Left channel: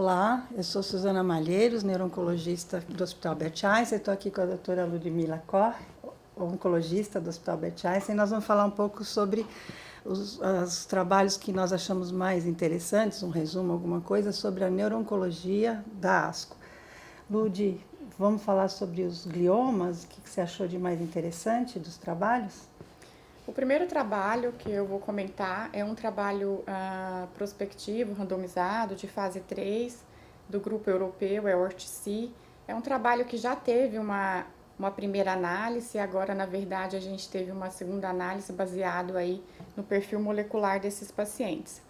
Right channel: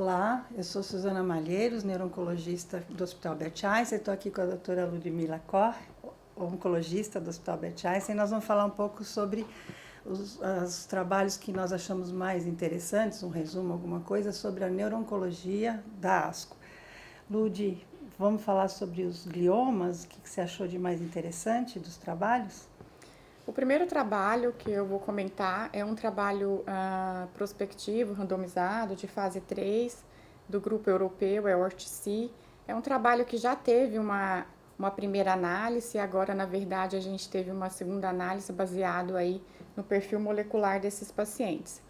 Olá, eu sou Suzana Malheiros, neuro-oncologista do Hospital Albert Einstein. Estou aqui com a doutora Ludmila Corr, oncologista do Hospital Albert Einstein. Nós vamos falar um pouco sobre os trabalhos que nós achamos mais interessantes, um resumo, alguma coisa, sobre a neuro-oncologia da ASCO. Ludi, vamos falar sobre os gliomas, o que você achou de mais interessante dos trabalhos? O primeiro trabalho que eu vou comentar é um trabalho prospectivo, randomizado, de fase 3, do grupo europeu, é ORTC. É um trabalho que já teve uma primeira análise, agora, na verdade, a gente teve uma segunda análise baseado aí no perfil molecular desses pacientes.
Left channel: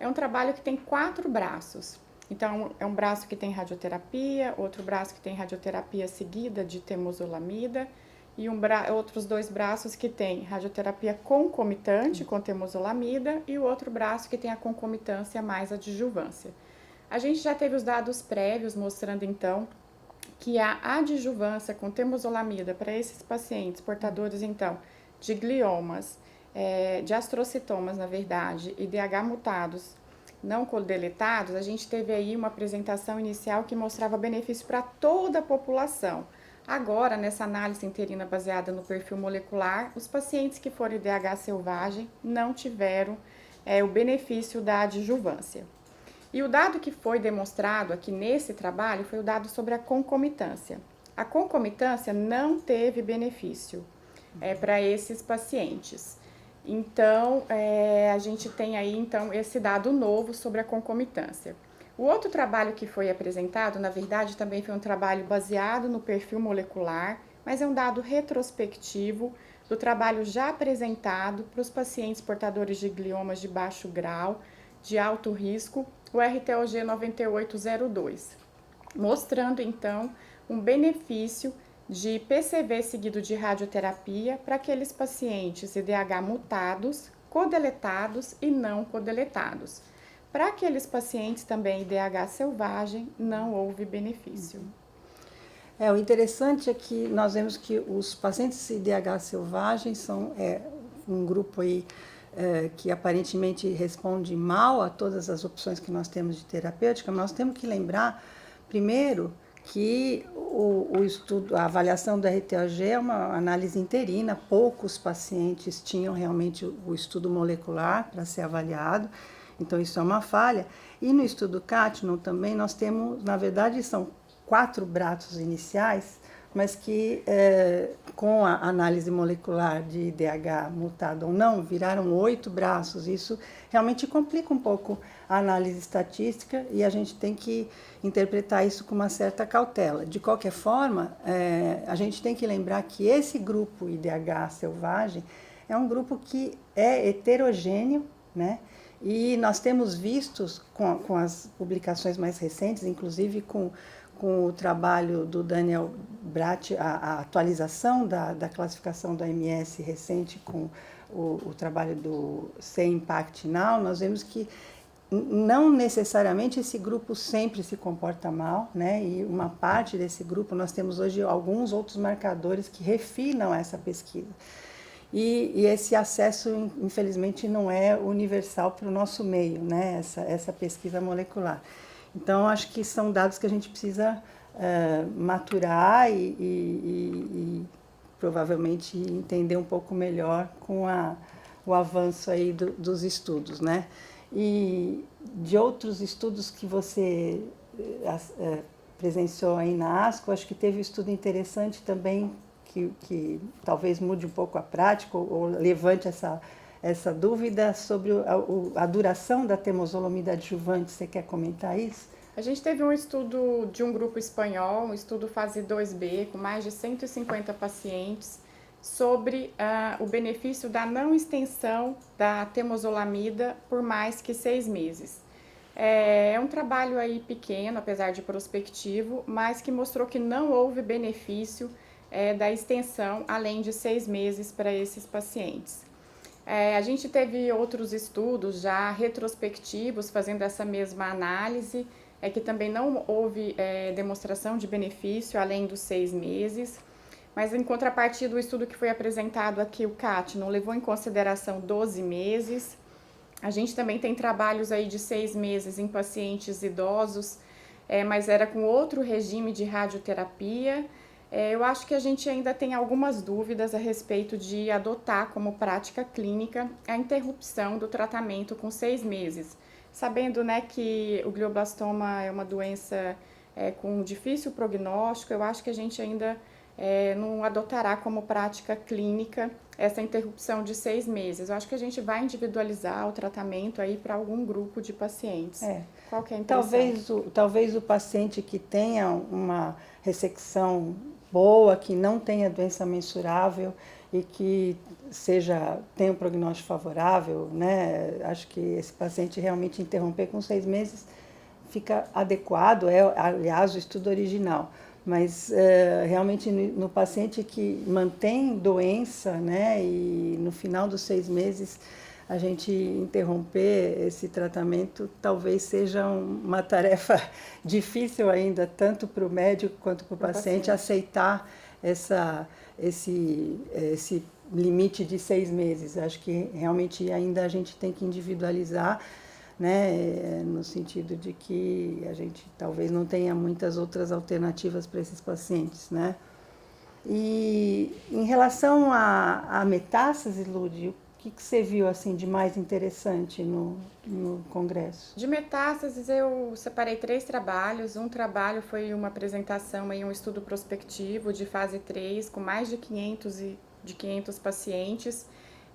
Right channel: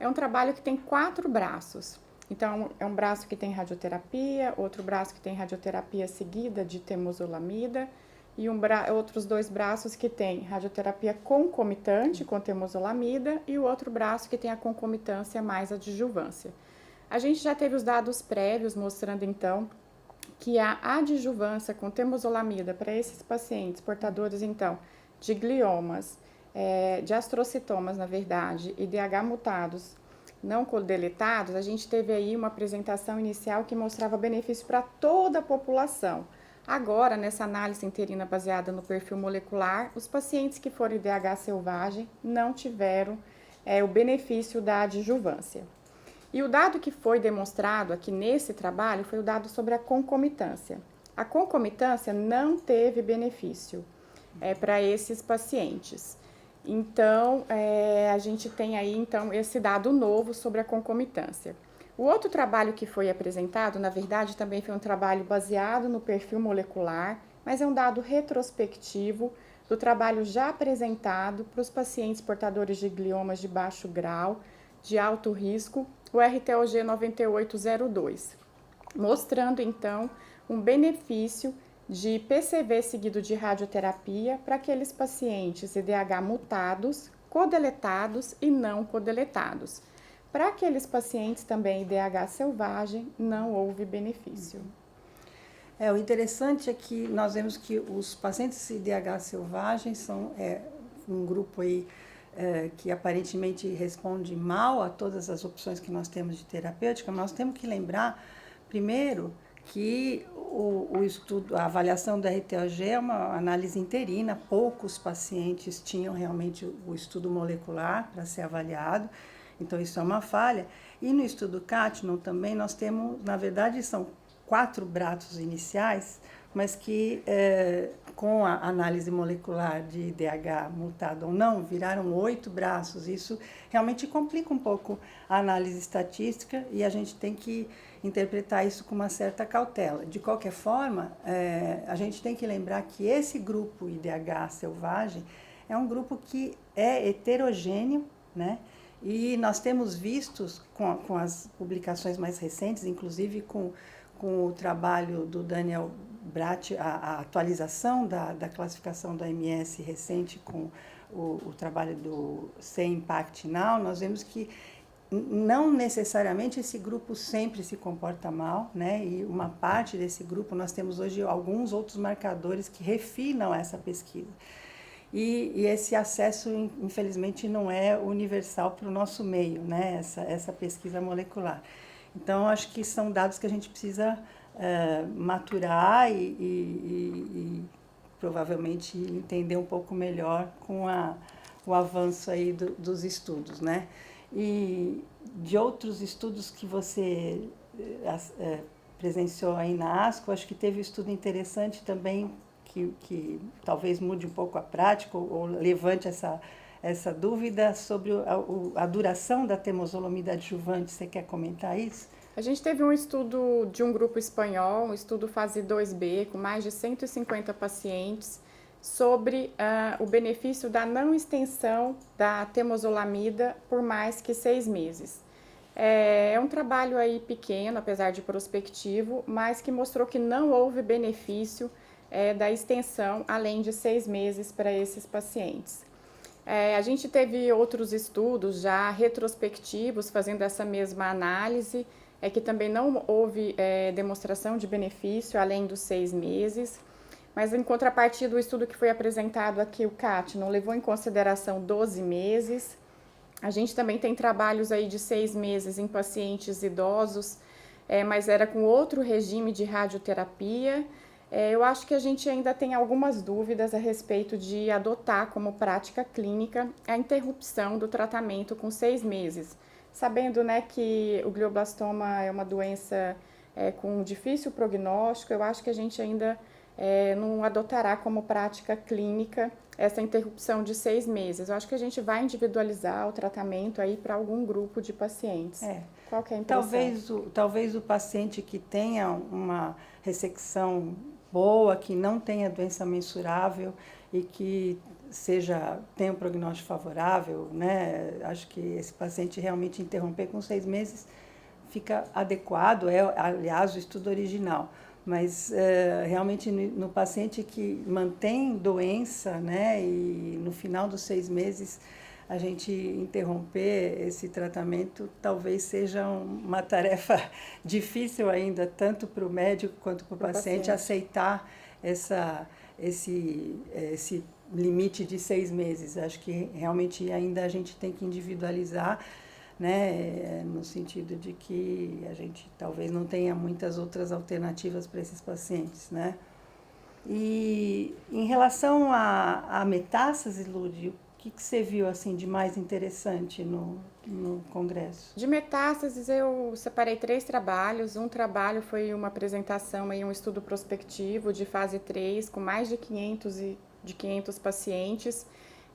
É um trabalho que tem 4 braços. Então, é um braço que tem radioterapia, outro braço que tem radioterapia seguida de temozolomida, e outros 2 braços que tem radioterapia concomitante com temozolomida e o outro braço que tem a concomitância mais adjuvância. A gente já teve os dados prévios mostrando então que a adjuvância com temozolomida para esses pacientes portadores então de gliomas, de astrocitomas na verdade, e DH mutados não codeletados, a gente teve aí uma apresentação inicial que mostrava benefício para toda a população. Agora, nessa análise interina baseada no perfil molecular, os pacientes que foram IDH selvagem não tiveram o benefício da adjuvância. E o dado que foi demonstrado aqui nesse trabalho foi o dado sobre a concomitância. A concomitância não teve benefício para esses pacientes. Então, a gente tem aí então esse dado novo sobre a concomitância. O outro trabalho que foi apresentado, na verdade, também foi um trabalho baseado no perfil molecular, mas é um dado retrospectivo do trabalho já apresentado para os pacientes portadores de gliomas de baixo grau, de alto risco, o RTOG 9802, mostrando então um benefício de PCV seguido de radioterapia para aqueles pacientes IDH mutados, codeletados e não codeletados. Para aqueles pacientes também IDH selvagem, não houve benefício. O interessante é que nós vemos que os pacientes IDH selvagens são um grupo aí que aparentemente responde mal a todas as opções que nós temos de terapêutica. Nós temos que lembrar, primeiro, que o estudo, a avaliação do RTOG é uma análise interina, poucos pacientes tinham realmente o estudo molecular para ser avaliado, então isso é uma falha. E no estudo CATNO também nós temos, na verdade, são 4 braços iniciais, mas que com a análise molecular de IDH mutado ou não, viraram 8 braços. Isso realmente complica um pouco a análise estatística e a gente tem que interpretar isso com uma certa cautela. De qualquer forma, a gente tem que lembrar que esse grupo IDH selvagem é um grupo que é heterogêneo, né? E nós temos visto com as publicações mais recentes, inclusive com o trabalho do Daniel Bratt, a atualização da classificação da MS recente com o trabalho do C-Impact Now, nós vemos que não necessariamente esse grupo sempre se comporta mal, né? E uma parte desse grupo, nós temos hoje alguns outros marcadores que refinam essa pesquisa. E esse acesso, infelizmente, não é universal para o nosso meio, né? Essa pesquisa molecular. Então, acho que são dados que a gente precisa maturar e provavelmente entender um pouco melhor com o avanço aí dos estudos, né? E de outros estudos que você presenciou aí na ASCO, acho que teve um estudo interessante também que talvez mude um pouco a prática ou levante essa dúvida sobre a duração da temozolomida adjuvante. Você quer comentar isso? A gente teve um estudo de um grupo espanhol, um estudo fase 2B, com mais de 150 pacientes, sobre o benefício da não extensão da temozolomida por mais que 6 meses. É um trabalho aí pequeno, apesar de prospectivo, mas que mostrou que não houve benefício da extensão além de 6 meses para esses pacientes. A gente teve outros estudos já retrospectivos fazendo essa mesma análise, que também não houve demonstração de benefício além dos 6 meses, mas em contrapartida o estudo que foi apresentado aqui, o CATNO, levou em consideração 12 meses. A gente também tem trabalhos aí de 6 meses em pacientes idosos, mas era com outro regime de radioterapia. Eu acho que a gente ainda tem algumas dúvidas a respeito de adotar como prática clínica a interrupção do tratamento com 6 meses, sabendo, né, que o glioblastoma é uma doença com difícil prognóstico. Eu acho que a gente ainda não adotará como prática clínica essa interrupção de 6 meses. Eu acho que a gente vai individualizar o tratamento aí para algum grupo de pacientes. Qual que é a impressão? Talvez o paciente que tenha uma ressecção boa, que não tenha doença mensurável e que tenha um prognóstico favorável, né? Acho que esse paciente realmente interromper com 6 meses fica adequado, aliás, o estudo original. Mas realmente no paciente que mantém doença, né, e no final dos 6 meses a gente interromper esse tratamento talvez seja uma tarefa difícil ainda, tanto para o médico quanto para o paciente aceitar esse limite de 6 meses. Acho que realmente ainda a gente tem que individualizar, né, no sentido de que a gente talvez não tenha muitas outras alternativas para esses pacientes, né? E em relação à metástase, Lúdia, o que você viu assim de mais interessante no congresso? De metástases eu separei 3 trabalhos. Um trabalho foi uma apresentação, um estudo prospectivo de fase 3 com mais de 500 pacientes,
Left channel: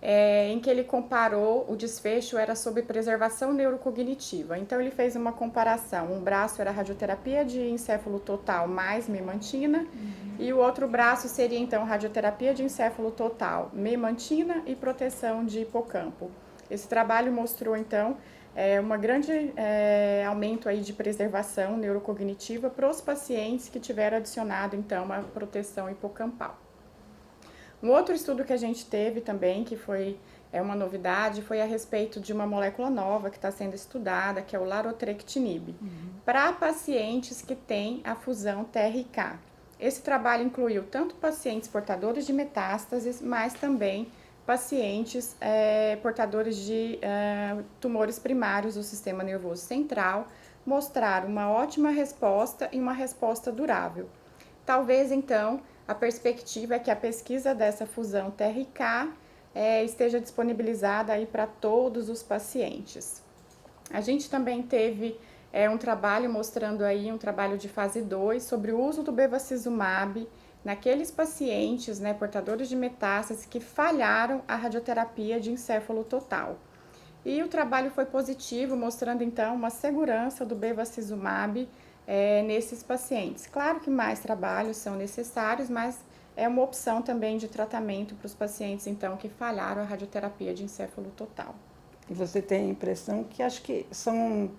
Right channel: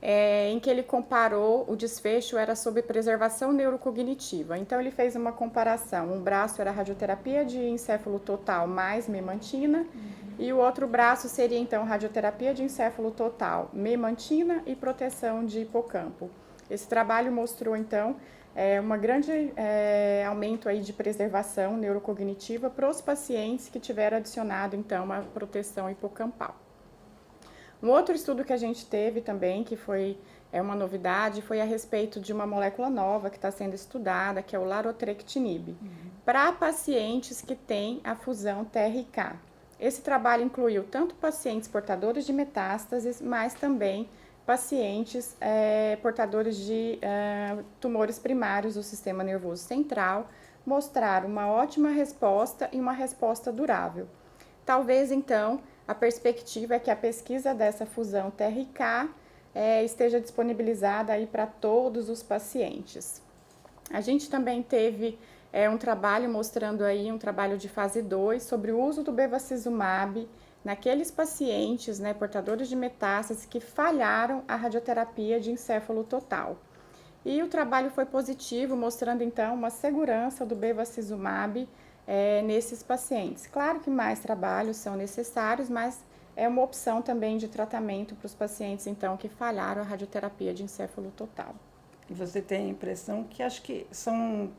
em que ele comparou, o desfecho era sobre preservação neurocognitiva. Então ele fez uma comparação, um braço era radioterapia de encéfalo total mais memantina, e o outro braço seria então radioterapia de encéfalo total, memantina e proteção de hipocampo. Esse trabalho mostrou então um grande aumento aí de preservação neurocognitiva para os pacientes que tiveram adicionado então uma proteção hipocampal. Um outro estudo que a gente teve também, que foi uma novidade, foi a respeito de uma molécula nova que está sendo estudada, que é o larotrectinib, para pacientes que têm a fusão TRK. Esse trabalho incluiu tanto pacientes portadores de metástases, mas também pacientes portadores de tumores primários do sistema nervoso central, mostraram uma ótima resposta e uma resposta durável. Talvez, então, a perspectiva é que a pesquisa dessa fusão TRK esteja disponibilizada aí para todos os pacientes. A gente também teve um trabalho mostrando aí, um trabalho de fase 2, sobre o uso do bevacizumab naqueles pacientes, né, portadores de metástases que falharam a radioterapia de encéfalo total. E o trabalho foi positivo, mostrando então uma segurança do bevacizumab nesses pacientes. Claro que mais trabalhos são necessários, mas é uma opção também de tratamento para os pacientes então que falharam a radioterapia de encéfalo total. E você tem a impressão que acho que são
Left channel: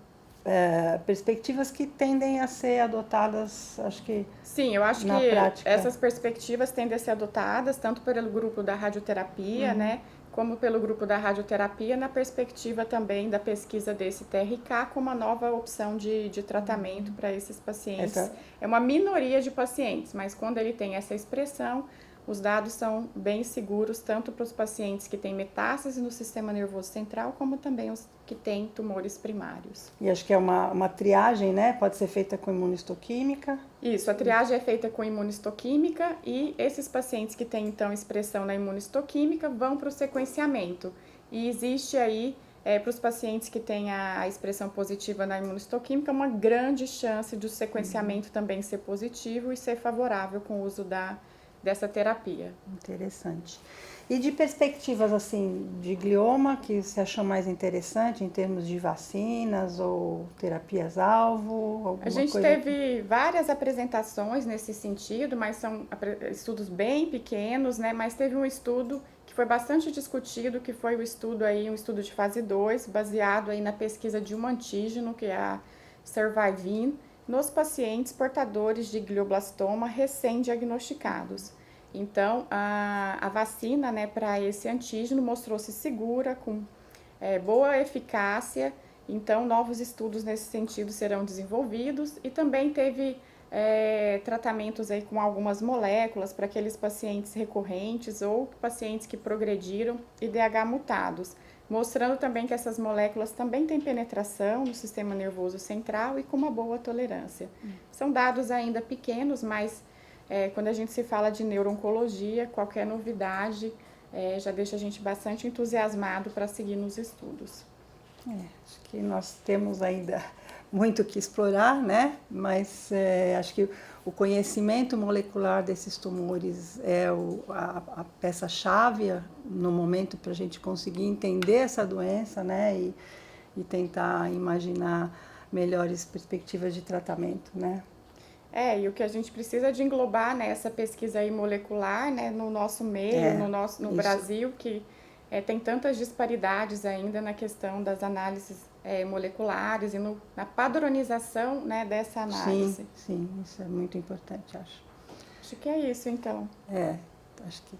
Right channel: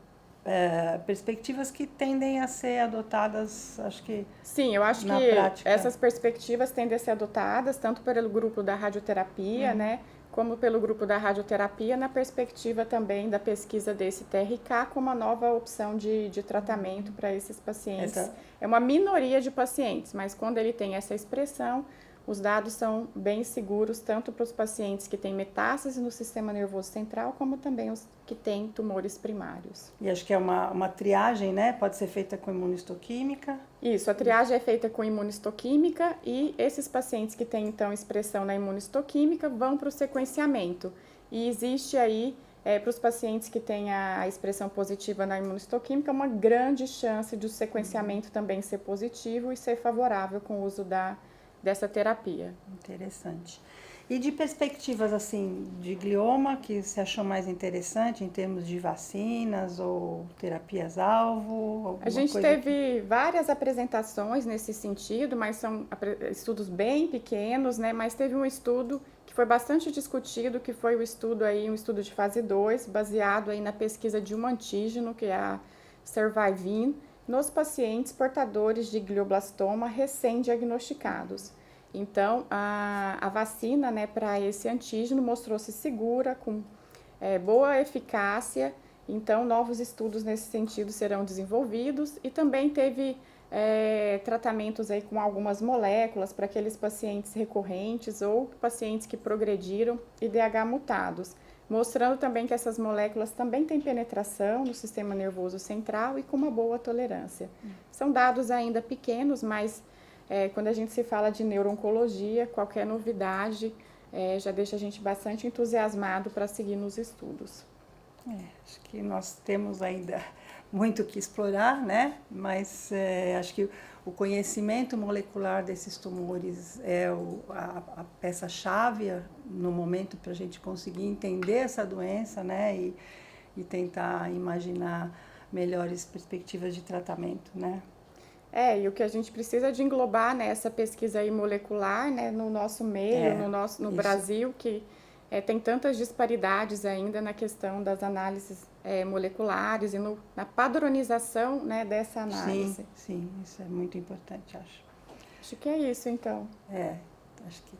perspectivas que tendem a ser adotadas, acho que sim, eu acho que prática. Essas perspectivas tendem a ser adotadas tanto pelo grupo da radioterapia, né, como pelo grupo da radioterapia, na perspectiva também da pesquisa desse TRK como uma nova opção de tratamento para esses pacientes. É uma minoria de pacientes, mas quando ele tem essa expressão, os dados são bem seguros, tanto para os pacientes que têm metástase no sistema nervoso central, como também os que têm tumores primários. E acho que é uma triagem, né? Pode ser feita com imunistoquímica. Isso, a triagem é feita com imunistoquímica e esses pacientes que têm, então, expressão na imunistoquímica vão para o sequenciamento. E existe aí, para os pacientes que têm a expressão positiva na imunistoquímica, uma grande chance de o sequenciamento também ser positivo e ser favorável com o uso dessa terapia. Interessante. E de perspectivas assim de glioma, que você achou mais interessante em termos de vacinas ou terapias-alvo? A gente teve várias apresentações nesse sentido, mas são estudos bem pequenos, né? Mas teve um estudo que foi bastante discutido, que foi um estudo de fase 2, baseado aí na pesquisa de um antígeno, que é a Survivin, nos pacientes portadores de glioblastoma recém-diagnosticados. Então, a vacina, né, para esse antígeno mostrou-se segura, com boa eficácia. Então, novos estudos nesse sentido serão desenvolvidos e também teve tratamentos aí com algumas moléculas para aqueles pacientes recorrentes ou pacientes que progrediram IDH mutados. mostrando também que essas moléculas também têm penetração no sistema nervoso central e com uma boa tolerância. São dados ainda pequenos, mas quando a gente se fala de neuro-oncologia, qualquer novidade já deixa a gente bastante entusiasmado para seguir nos estudos. Acho que nós temos ainda muito que explorar, né? Mas acho que o conhecimento molecular desses tumores é a peça-chave no momento para a gente conseguir entender essa doença, né? E tentar imaginar melhores perspectivas de tratamento, né? E o que a gente precisa de englobar nessa pesquisa aí molecular, né, no nosso meio, no Brasil, que tem tantas disparidades ainda na questão das análises moleculares e na padronização, né, dessa análise. Sim, isso é muito importante, acho. Acho que é isso, então. Acho que